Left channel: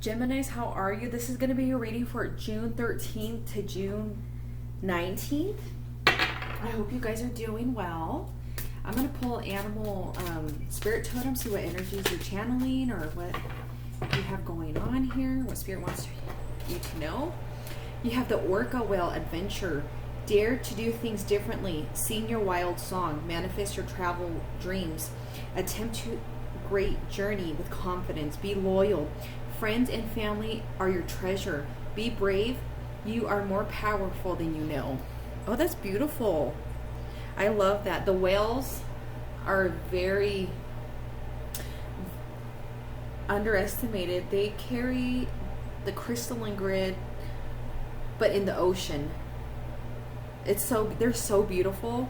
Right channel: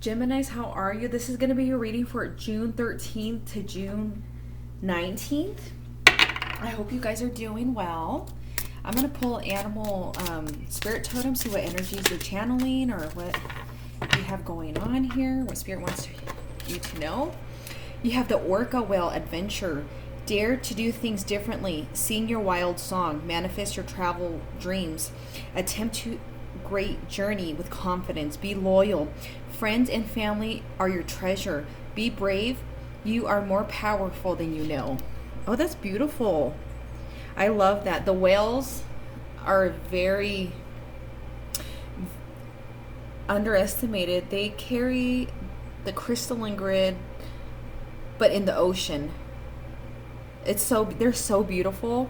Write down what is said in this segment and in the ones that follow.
Geminis, how are you? This is going to be your reading for June 13th to June 19th. I hope you guys are doing well. I'm going to pull animal spirit totem, see what energies you're channeling or what you have going on here, what spirit wants you to know. You have the orca whale adventure. Dare to do things differently. Sing your wild song. Manifest your travel dreams. Attempt to great journey with confidence. Be loyal. Friends and family are your treasure. Be brave. You are more powerful than you know. Oh, that's beautiful. I love that. The whales are very underestimated. They carry the crystalline grid, but in the ocean. They're so beautiful.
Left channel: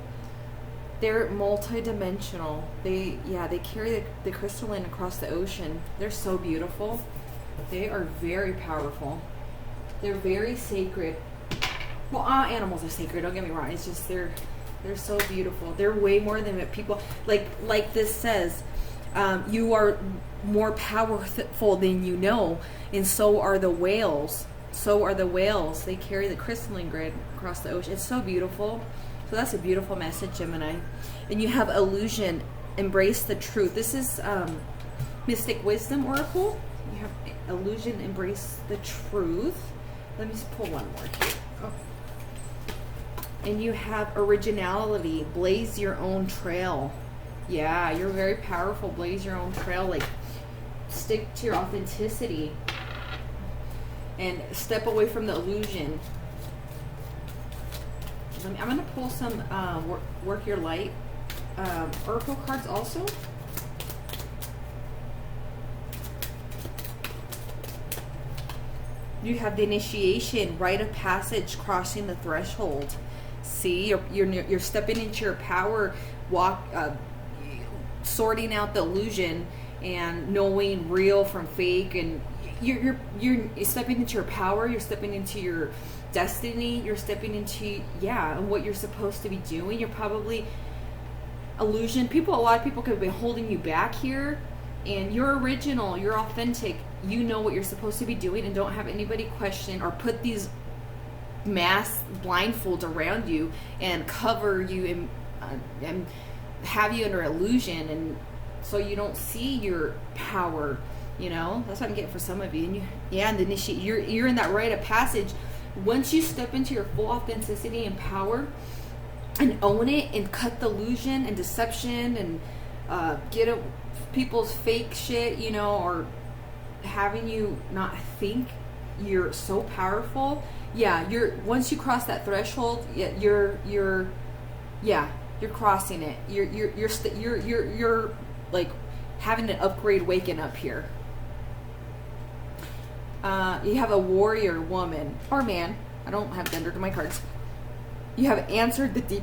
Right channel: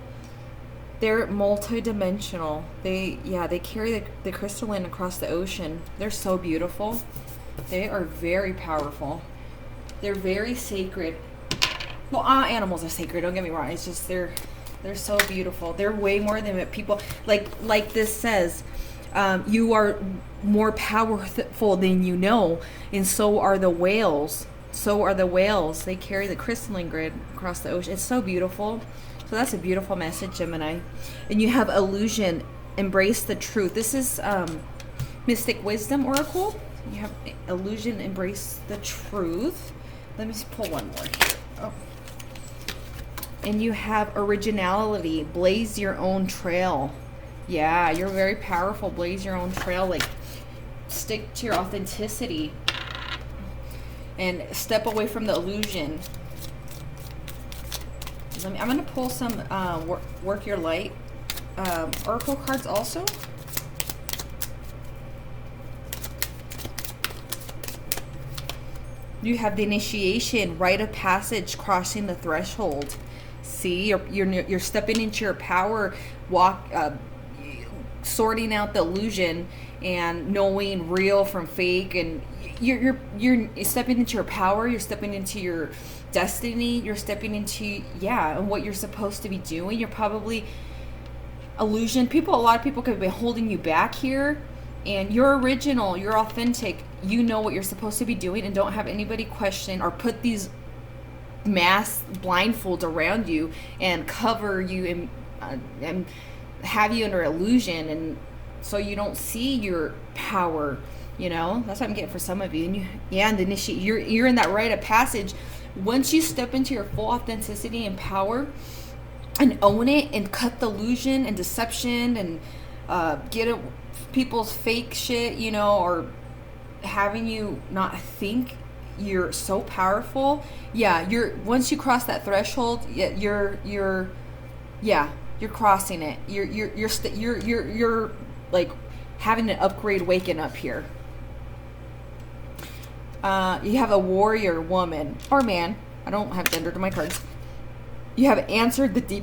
They're multi-dimensional. They carry the crystalline across the ocean. They're so beautiful. They are very powerful. They're very sacred. Well, all animals are sacred, don't get me wrong. It's just they're so beautiful. They're way more than what people like this says. You are more powerful than you know, and so are the whales. So are the whales. They carry the crystalline grid across the ocean. It's so beautiful. So that's a beautiful message, Gemini. And you have illusion. Embrace the truth. This is Mystic Wisdom Oracle. You have illusion. Embrace the truth. Let me pull one more here. Oh. And you have originality. Blaze your own trail. Yeah, you're very powerful. Blaze your own trail. Like, stick to your authenticity. And step away from the illusion. I'm going to pull some Work Your Light Oracle cards also. You have the initiation, rite of passage, crossing the threshold. See, you're stepping into your power, sorting out the illusion and knowing real from fake, and you're stepping into your power. You're stepping into your destiny. You're stepping into and what you're supposed to be doing. You're probably a lot of people could have been holding you back here, and you're original. You're authentic. You know what you're supposed to be doing, and don't have anybody question or put these mass blindfolds around you and cover you and have you under illusion, and so you don't see your power. That's what I'm getting for some of you. And the initiate, you're in that rite of passage. Once you step into your full authenticity and power and own it and cut the illusion and deception and get people's fake shit, or having you not think you're so powerful. Once you cross that threshold, you're crossing it. You're like having an upgrade, waking up here. You have a warrior woman or man. I don't have gender to my cards. You have answered the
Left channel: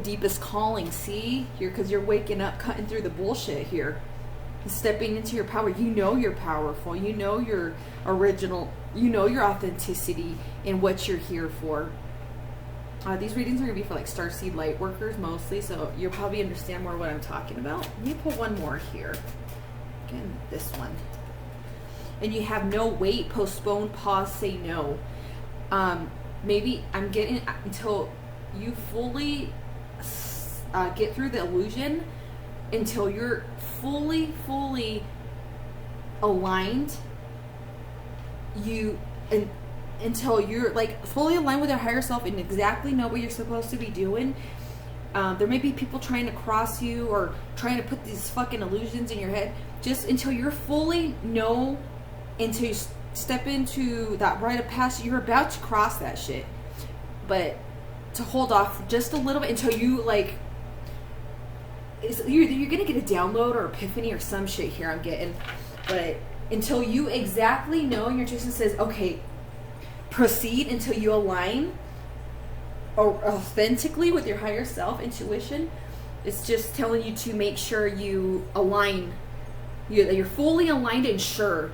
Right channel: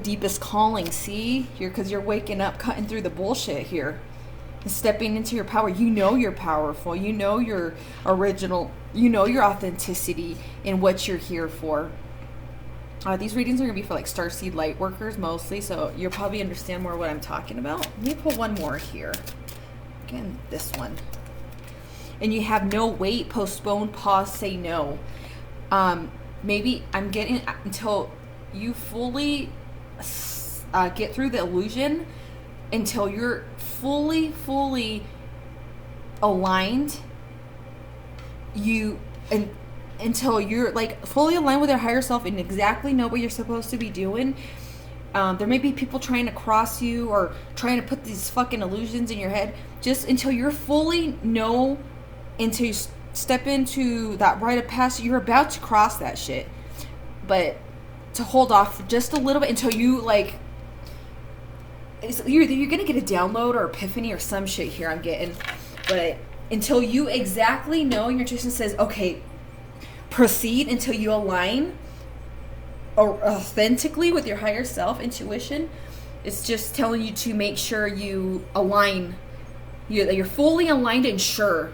deepest calling. See, because you're waking up, cutting through the bullshit here, and stepping into your power. You know you're powerful. You know you're original. You know your authenticity and what you're here for. These readings are going to be for like starseed light workers mostly, so you'll probably understand more what I'm talking about. Let me pull one more here. Again, this one. And you have no, wait, postpone, pause, say no. Maybe I'm getting until you fully get through the illusion, until you're fully aligned. Until you're like fully aligned with your higher self and exactly know what you're supposed to be doing. There may be people trying to cross you or trying to put these fucking illusions in your head. Just until you're fully know, until you step into that rite of passage, you're about to cross that shit. But to hold off just a little bit until you like, you're gonna get a download or epiphany or some shit here I'm getting. But until you exactly know, your intuition says, okay, proceed, until you align authentically with your higher self, intuition. It's just telling you to make sure you align, that you're fully aligned and sure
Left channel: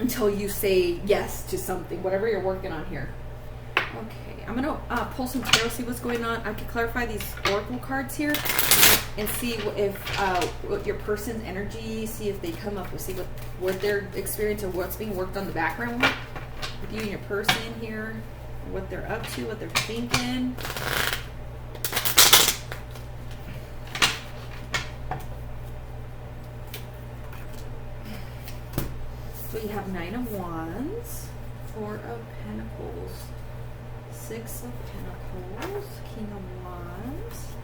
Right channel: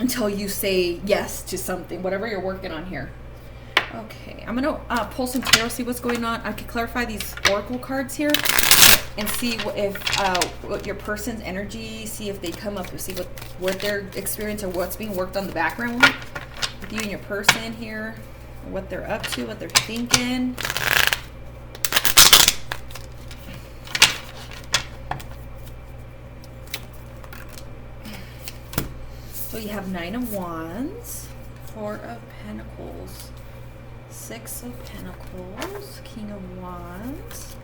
until you say yes to something, whatever you're working on here. Okay, I'm gonna pull some tarot, see what's going on. I can clarify these oracle cards here and see if what your person's energy, see if they come up, see what their experience or what's being worked on the background with you and your person here, what they're up to, what they're thinking. So you have 9 of Wands, 4 of Pentacles, 6 of Pentacles, King of Wands,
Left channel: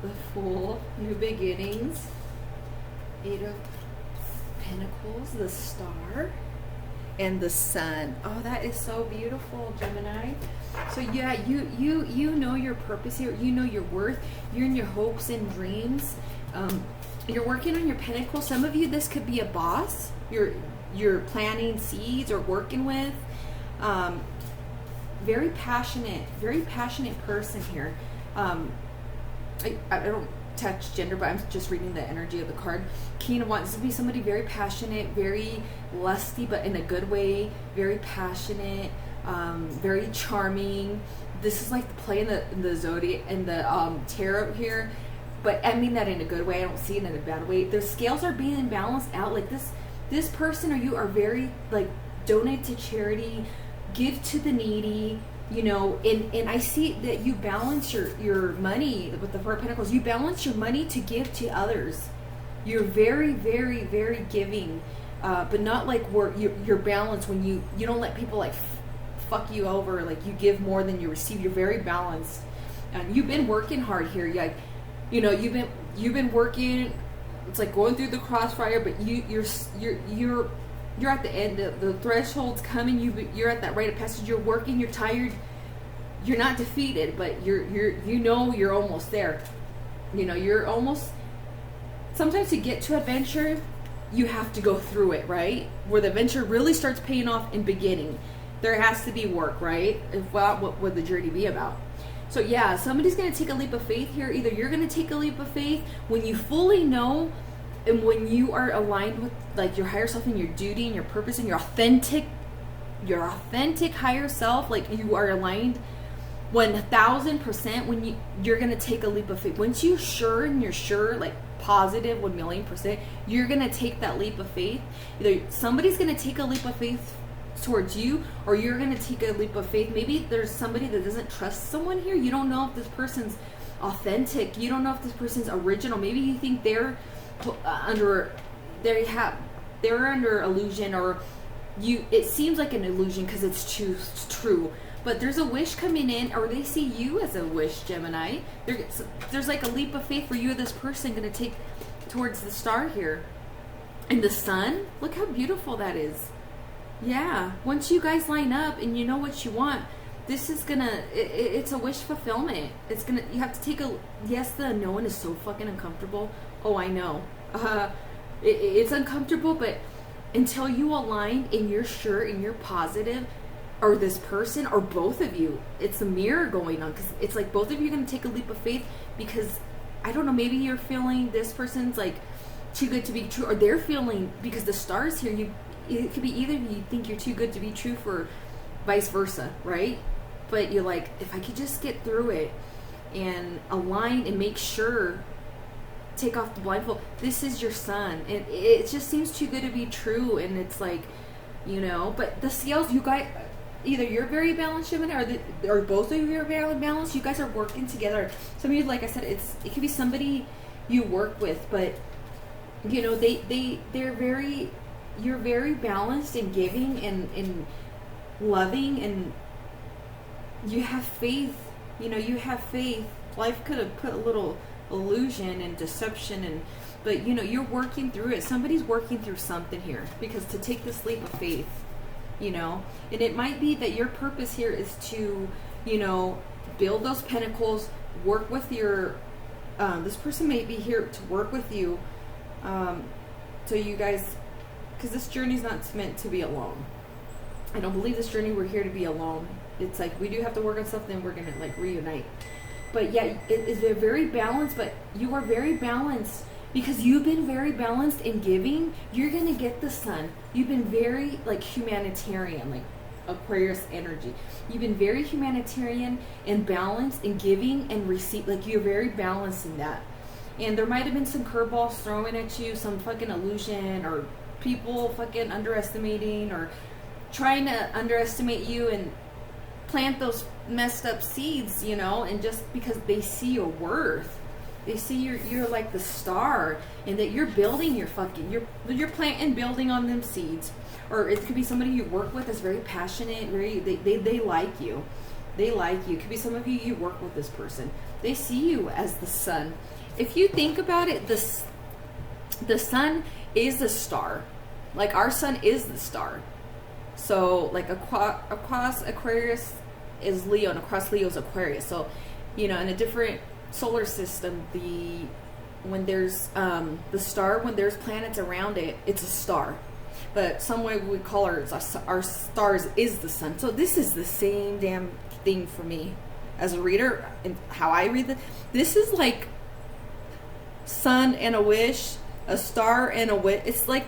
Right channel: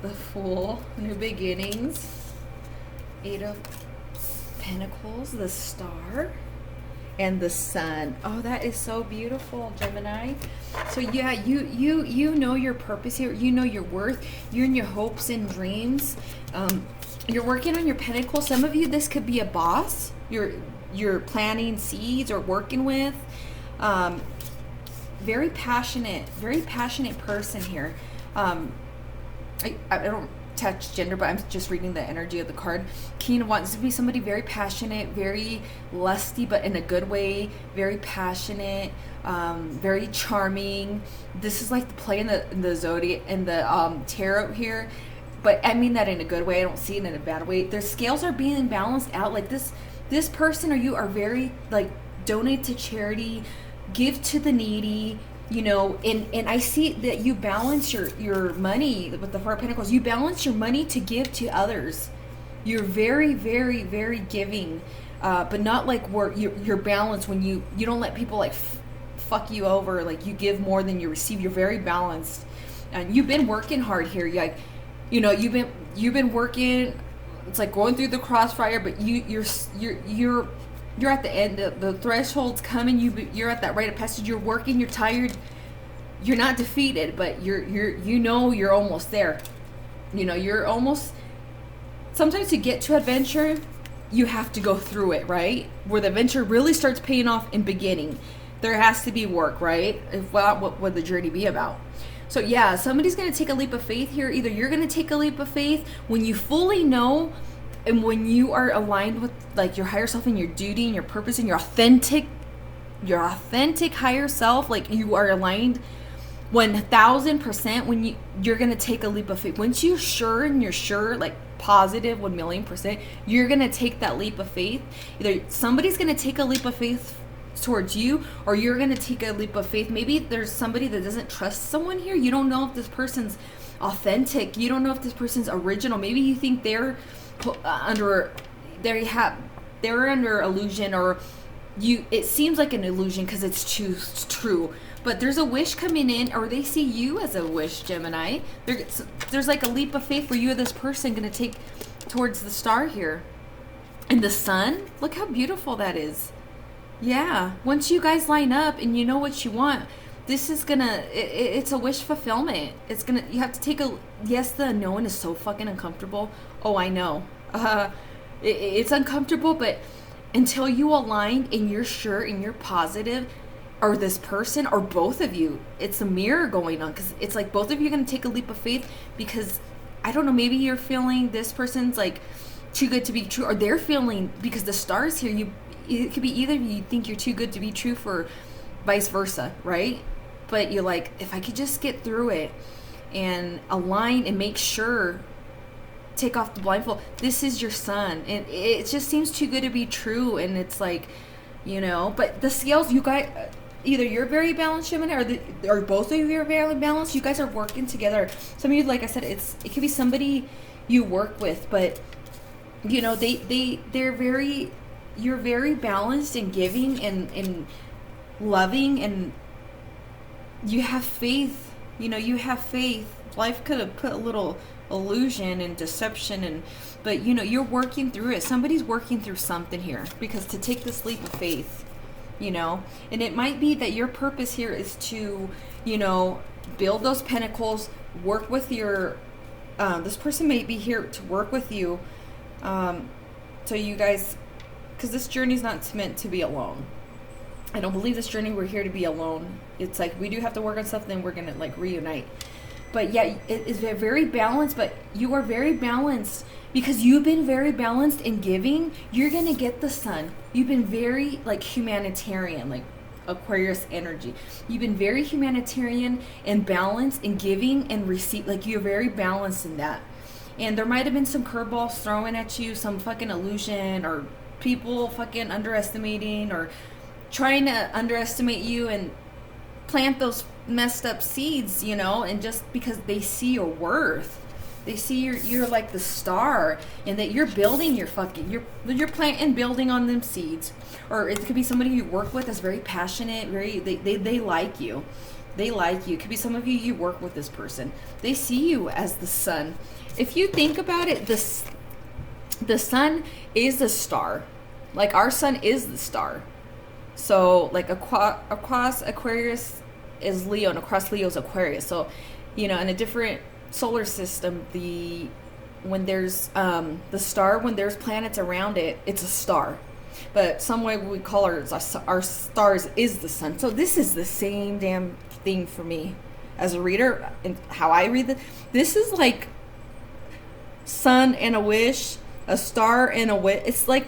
the Fool, New Beginnings, 8 of Pentacles, the Star, and the Sun. Oh, that is so beautiful, Gemini. So yeah, you know your purpose here. You know your worth. You're in your hopes and dreams. You're working on your Pentacles. Some of you, this could be a boss. You're planting seeds or working with. Very passionate person here. I don't touch gender, but I'm just reading the energy of the card. King of Wands, this would be somebody very passionate, very lusty, but in a good way, very passionate, very charming. This is like the play in the zodiac and the tarot here, but I mean that in a good way. I don't see it in a bad way. The scales are being balanced out. Like this person or you are very like donate to charity, give to the needy, you know, and I see that you balance your money with the Four of Pentacles. You balance your money to give to others. You're very, very, very giving, but not like where you're balanced when you don't let people like fuck you over. Like you give more than you receive. You're very balanced, and you've been working hard here. You know, you've been working. It's like going through the crossfire, but you're at the end. The threshold's coming. You're at that rite of passage. You're working. You're tired. You're not defeated, but you're almost there. You know, you're almost. Sometimes to get to adventure, you have to go through it, right? Where the adventure really starts paying off in beginning. There has to be work, right? If not, what would the journey be about? So yeah, somebody's going to take a leap of faith here. Either you're going to take a leap of faith when you fully know and when you are aligned with like your higher self and your duty and your purpose and your authentic higher self, like you are aligned 1000% when you're going to take a leap of faith. Once you're sure and you're sure, like positive 1,000,000%, you're going to take that leap of faith. Either somebody's going to take a leap of faith towards you, or you're going to take a leap of faith. Maybe there's somebody that doesn't trust someone here. You don't know if this person's authentic. You don't know if this person's original. Maybe you think they're under illusion, or it seems like an illusion because it's true. But there's a wish coming in, or they see you as a wish, Gemini. There's like a leap of faith where you or this person going to take towards the star here. And the sun, look how beautiful that is. Yeah, once you guys line up and you know what you want, this is gonna, it's a wish fulfillment. You have to take yes, the unknown is so fucking uncomfortable. Oh, I know. It's uncomfortable, but until you align and you're sure and you're positive, or this person, or both of you, it's a mirror going on, because it's like both of you are gonna take a leap of faith, because, I don't know, maybe you're feeling this person's like too good to be true, or they're feeling, because the stars here, it could be either of you think you're too good to be true, for vice versa, right? But you're like, if I could just get through it and align and make sure, take off the blindfold, this is your sun, and it just seems too good to be true. And it's like, you know, but the scales, you guys, either you're very balanced, Gemini, or both of you are very balanced. You guys are working together. Some of you, like I said, it could be somebody you work with, but you know, you're very balanced and giving and loving, and you have faith. You know, you have faith. Life could have put a little illusion and deception, but you know, you're working through it. Somebody's working through something here, because to take this leap of faith, you know, and it might be that your purpose here is to, you know, build those pentacles, work with your, this person may be here to work with you, so you guys, because this journey is not meant to be alone. I don't believe this journey we're here to be alone. It's like we do have to work on stuff, then we're gonna like reunite. But yeah, it is very balanced. But you are very balanced because you've been very balanced in giving. You're gonna get the sun. You've been very like humanitarian, like Aquarius energy. You've been very humanitarian and balanced in giving and receive. Like, you're very balanced in that. And there might have been some curveballs thrown at you, some fucking illusion, or people fucking underestimating or trying to underestimate you and plant those messed up seeds, you know, and just because they see your worth. They see you're like the star, and that you're building your fucking, you're planting, building on them seeds. Or it could be somebody you work with that's very passionate, they like you. They like you. It could be some of you work with this person. They see you as the sun. If you think about it, the sun is the star. Like, our sun is the star. So, like, across Aquarius is Leo, and across Leo is Aquarius. So, you know, in a different solar system, when there's the star, when there's planets around it, it's a star. But some way we call our stars is the sun. So this is the same damn thing for me as a reader, and how I read this is like sun and a wish, a star and a wish. It's like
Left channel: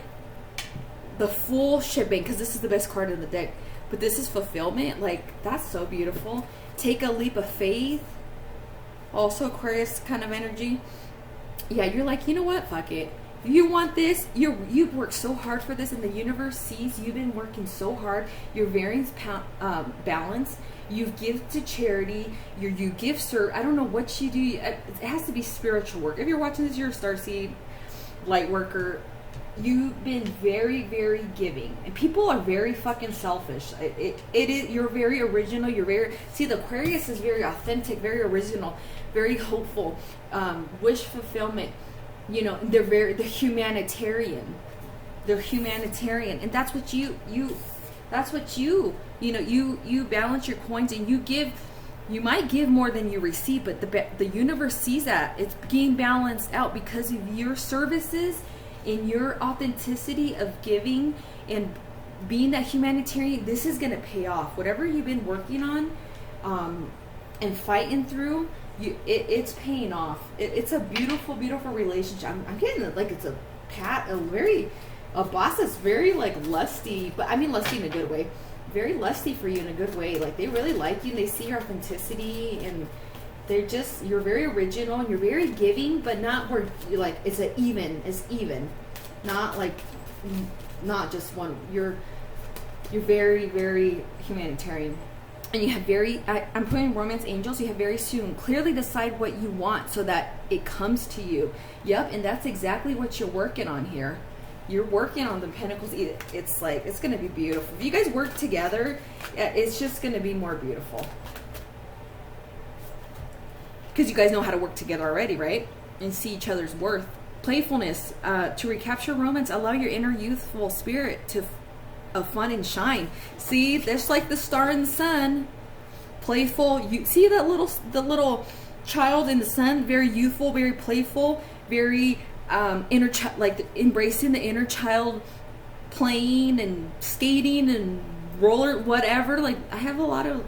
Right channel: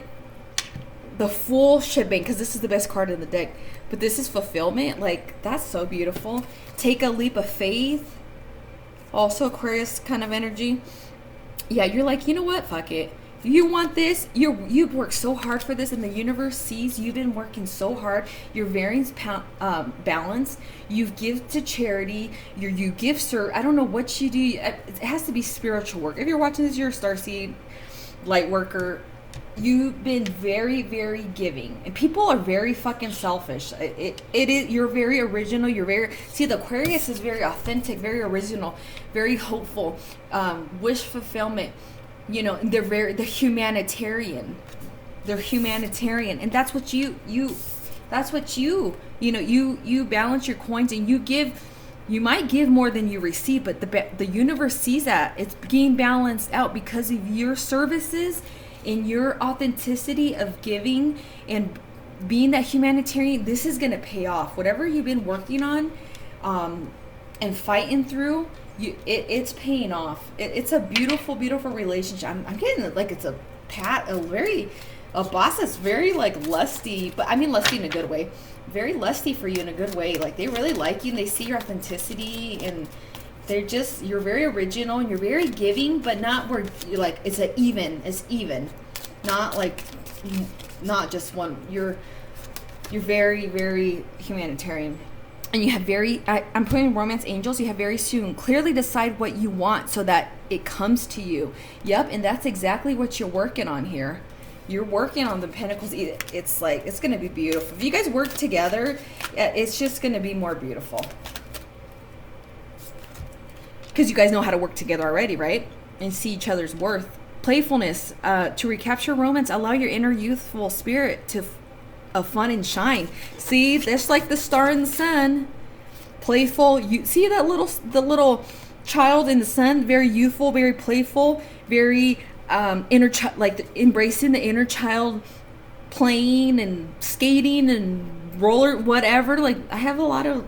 the full shebang, because this is the best card in the deck. But this is fulfillment. Like, that's so beautiful. Take a leap of faith. Also Aquarius kind of energy. Yeah, you're like, you know what? Fuck it. You want this. You've worked so hard for this, and the universe sees you've been working so hard. You're very balanced. You give to charity. You give, sir. I don't know what you do. It has to be spiritual work. If you're watching this, you're a starseed, light worker. You've been very, very giving, and people are very fucking selfish. It is. You're very original. You're very. See, the Aquarius is very authentic, very original, very hopeful, wish fulfillment. You know, they're humanitarian. They're humanitarian, and that's what you balance your coins, and you give. You might give more than you receive, but the universe sees that it's being balanced out because of your services. In your authenticity of giving and being that humanitarian, this is going to pay off. Whatever you've been working on and fighting through, it's paying off. It's a beautiful, beautiful relationship. I'm getting it like it's a boss that's very like lusty, but I mean lusty in a good way. Very lusty for you in a good way. Like, they really like you, and they see your authenticity, and you're very original, and you're very giving, but not where like it's even, not just one. You're very, very humanitarian, and you have I'm putting romance angels. You have very soon clearly decide what you want so that it comes to you. Yep, and that's exactly what you're working on here. You're working on the pentacles. It's like, it's going to be beautiful. If you guys work together, it's just going to be more beautiful. Because you guys know how to work together already, right? And see each other's worth. Playfulness. To recapture romance, allow your inner youthful spirit to fun and shine. See, that's like the star and the sun. Playful. You see the little child in the sun, very youthful, very playful, very embracing the inner child, playing and skating and roller whatever. Like, I have a lot of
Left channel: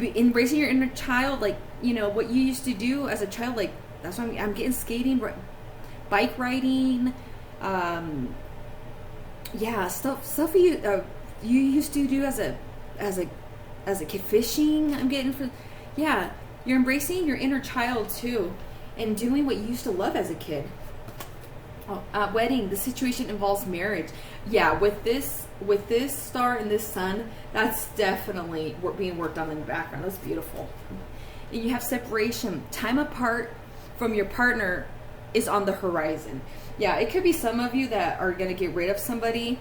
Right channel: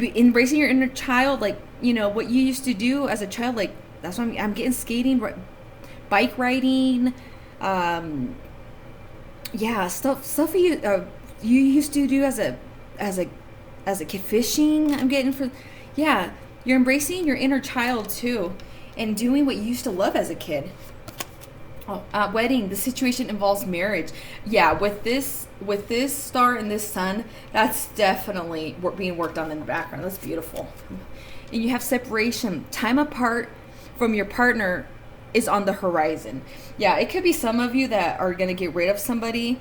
embracing your inner child, like, you know, what you used to do as a child. Like, that's what I'm getting skating, bike riding, stuff you used to do as a kid, fishing. I'm getting you're embracing your inner child too, and doing what you used to love as a kid. Wedding. The situation involves marriage. Yeah, with this star and this sun, that's definitely being worked on in the background. That's beautiful. And you have separation. Time apart from your partner is on the horizon. Yeah, it could be some of you that are going to get rid of somebody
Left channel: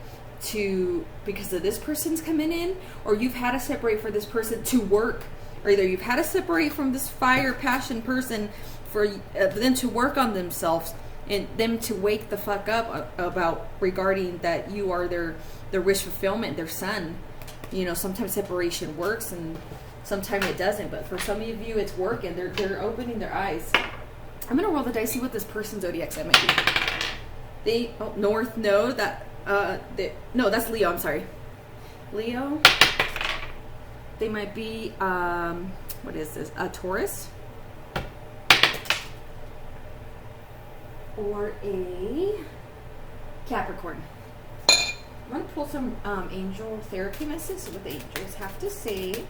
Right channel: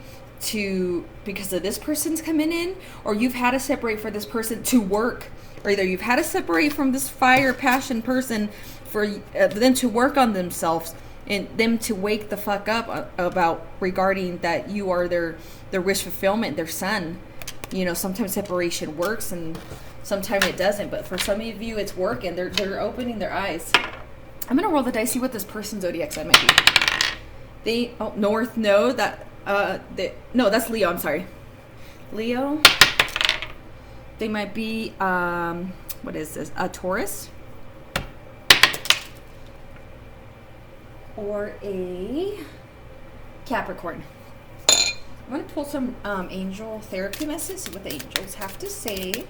because of this person's coming in, or you've had to separate for this person to work, or either you've had to separate from this fire passion person for them to work on themselves, and them to wake the fuck up regarding that you are their wish fulfillment, their sun. You know, sometimes separation works and sometimes it doesn't, but for some of you it's working. They're opening their eyes. I'm gonna roll the dice, see what this person's zodiac sign might be. North, no, that's Leo. I'm sorry, Leo. They might be what is this? A Taurus or a Capricorn. I'm going to pull some angel therapy messages, what the angels have to say.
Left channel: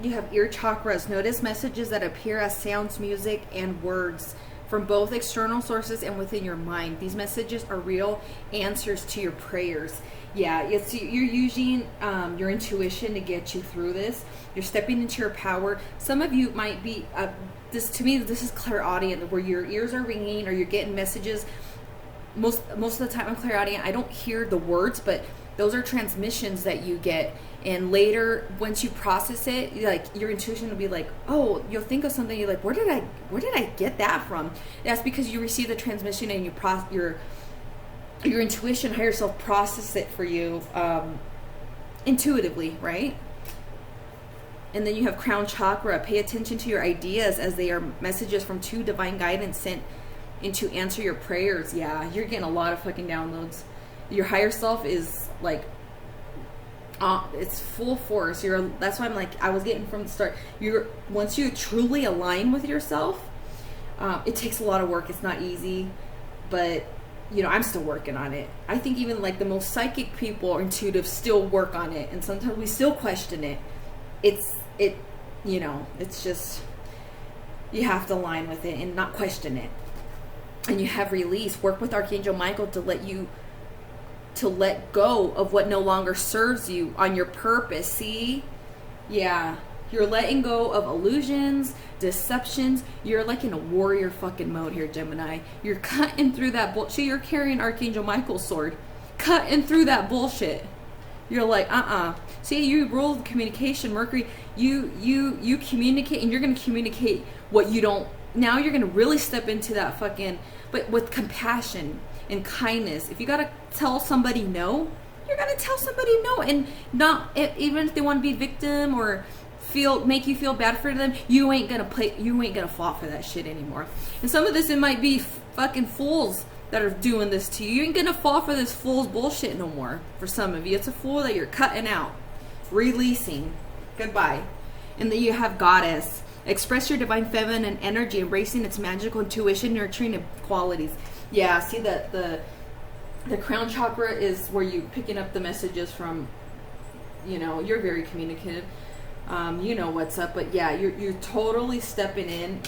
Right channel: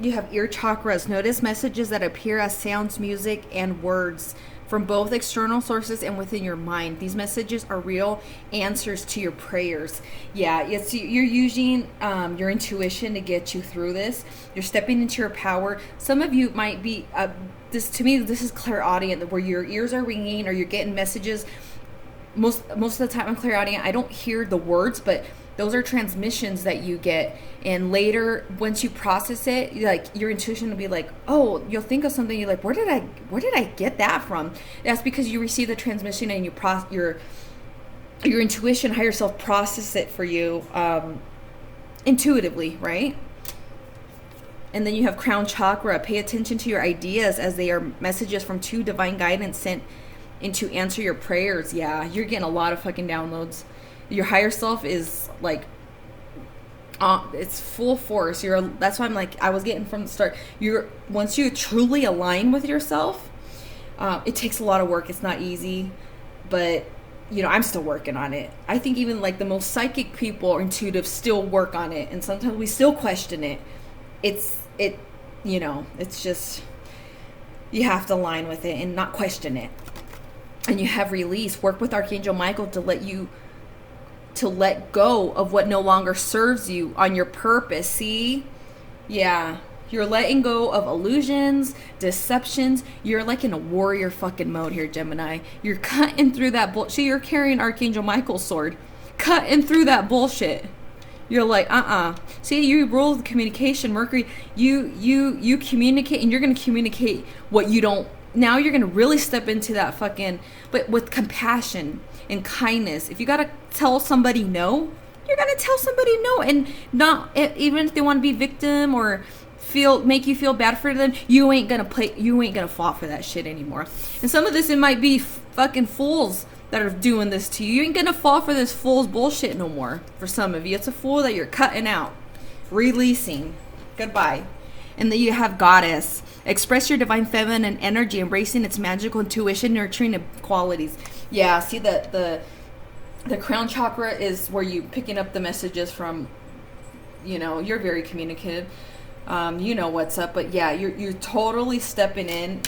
You have ear chakras. Notice messages that appear as sounds, music, and words from both external sources and within your mind. These messages are real answers to your prayers. Yeah, you're using your intuition to get you through this. You're stepping into your power. Some of you might be, this is clairaudient, where your ears are ringing or you're getting messages. Most of the time I'm clairaudient. I don't hear the words, but those are transmissions that you get. And later, once you process it, like your intuition will be like, oh, you'll think of something. You're like, where did I get that from? That's because you receive the transmission and your intuition, higher self, process it for you intuitively, right? And then you have crown chakra. Pay attention to your ideas as they are messages from true divine guidance sent in to answer your prayers. Yeah, you're getting a lot of fucking downloads. Your higher self is like, it's full force. That's why I'm like, I was getting from the start. Once you truly align with yourself, it takes a lot of work. It's not easy, but I'm still working on it. I think even like the most psychic people or intuitive still work on it, and sometimes we still question it. It's just, you have to align with it and not question it. And you have release. Work with Archangel Michael to let go of what no longer serves you on your purpose. See? Yeah. You're letting go of illusions, deceptions. You're like in a warrior fucking mode here, Gemini. You're cutting through that bullshit. See, you're carrying Archangel Michael's sword. Cutting through that bullshit. You're like, See, you rule the communication, Mercury. You communicate, and you're going to communicate what you don't. Now you're going to really step into that fucking, but with compassion and kindness. If you got to tell somebody no, you're going to tell somebody no. And not, even if they want to be victim or make you feel bad for them, you ain't going to fall for that shit anymore. And some of this, it might be fucking fools that are doing this to you. You ain't going to fall for this fool's bullshit no more. For some of you, it's a fool that you're cutting out, releasing. Goodbye. And then you have goddess. Express your divine feminine energy, embracing its magical intuition, nurturing qualities. Yeah, see the crown chakra is where you picking up the messages from, you're very communicative. You know what's up, but yeah, you're totally stepping in.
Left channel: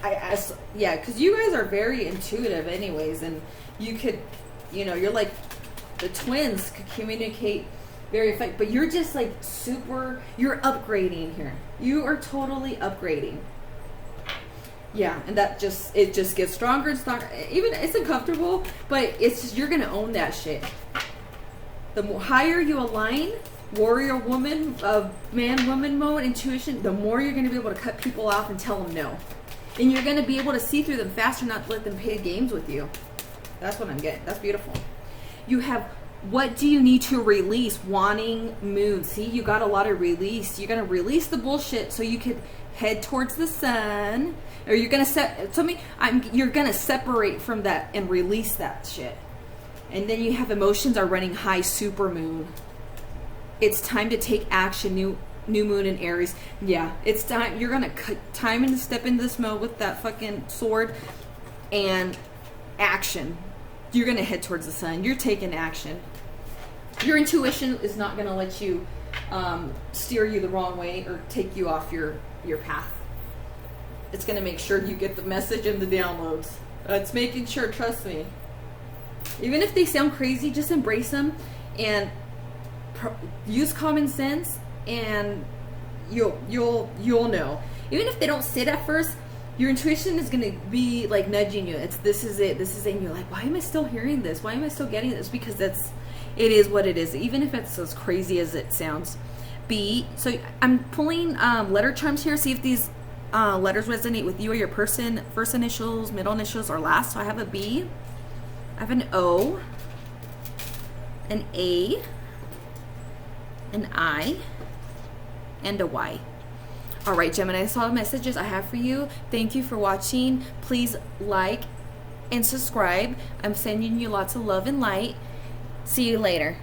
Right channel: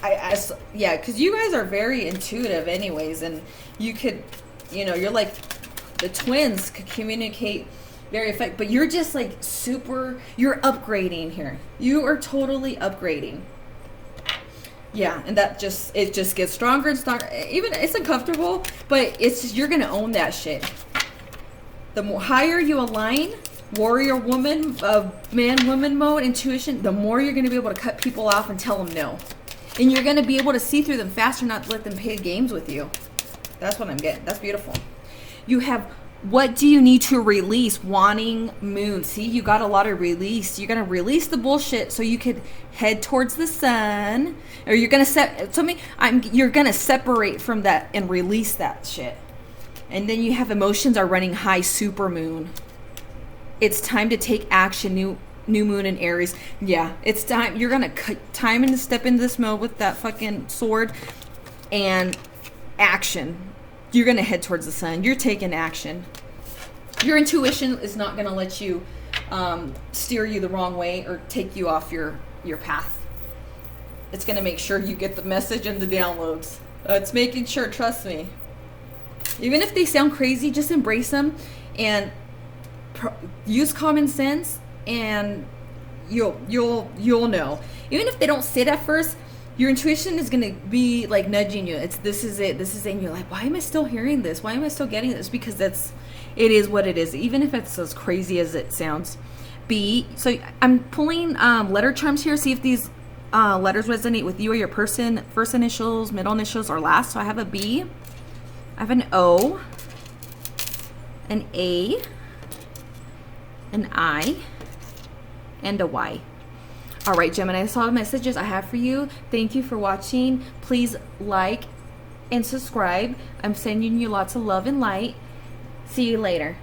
Because you guys are very intuitive anyways, and you could, you're like, the twins could communicate very effective, but you're just like you're upgrading here. You are totally upgrading. Yeah, and it just gets stronger and stronger. Even it's uncomfortable, but it's just, you're gonna own that shit. The more higher you align, warrior woman, man woman mode, intuition, the more you're gonna be able to cut people off and tell them no. And you're gonna be able to see through them faster, not let them play games with you. That's what I'm getting. That's beautiful. You have, what do you need to release? Wanting moon. See, you got a lot of release. You're going to release the bullshit so you could head towards the sun. Or you're going to you're going to separate from that and release that shit. And then you have emotions are running high, super moon. It's time to take action. New moon in Aries. Yeah, it's time. You're going to time to step into this mode with that fucking sword and action. You're going to head towards the sun. You're taking action. Your intuition is not going to let you steer you the wrong way or take you off your path. It's going to make sure you get the message and the downloads. It's making sure, trust me. Even if they sound crazy, just embrace them and use common sense, and you'll know. Even if they don't sit at first, your intuition is going to be like nudging you. This is it. And you're like, why am I still hearing this? Why am I still getting this? Because it is what it is. Even if it's as crazy as it sounds. B. So I'm pulling letter charms here. See if these letters resonate with you or your person. First initials, middle initials, or last. So I have a B. I have an O. An A. An I. And a Y. All right, Gemini, that's all the messages I have for you. Thank you for watching. Please like and subscribe. I'm sending you lots of love and light. See you later.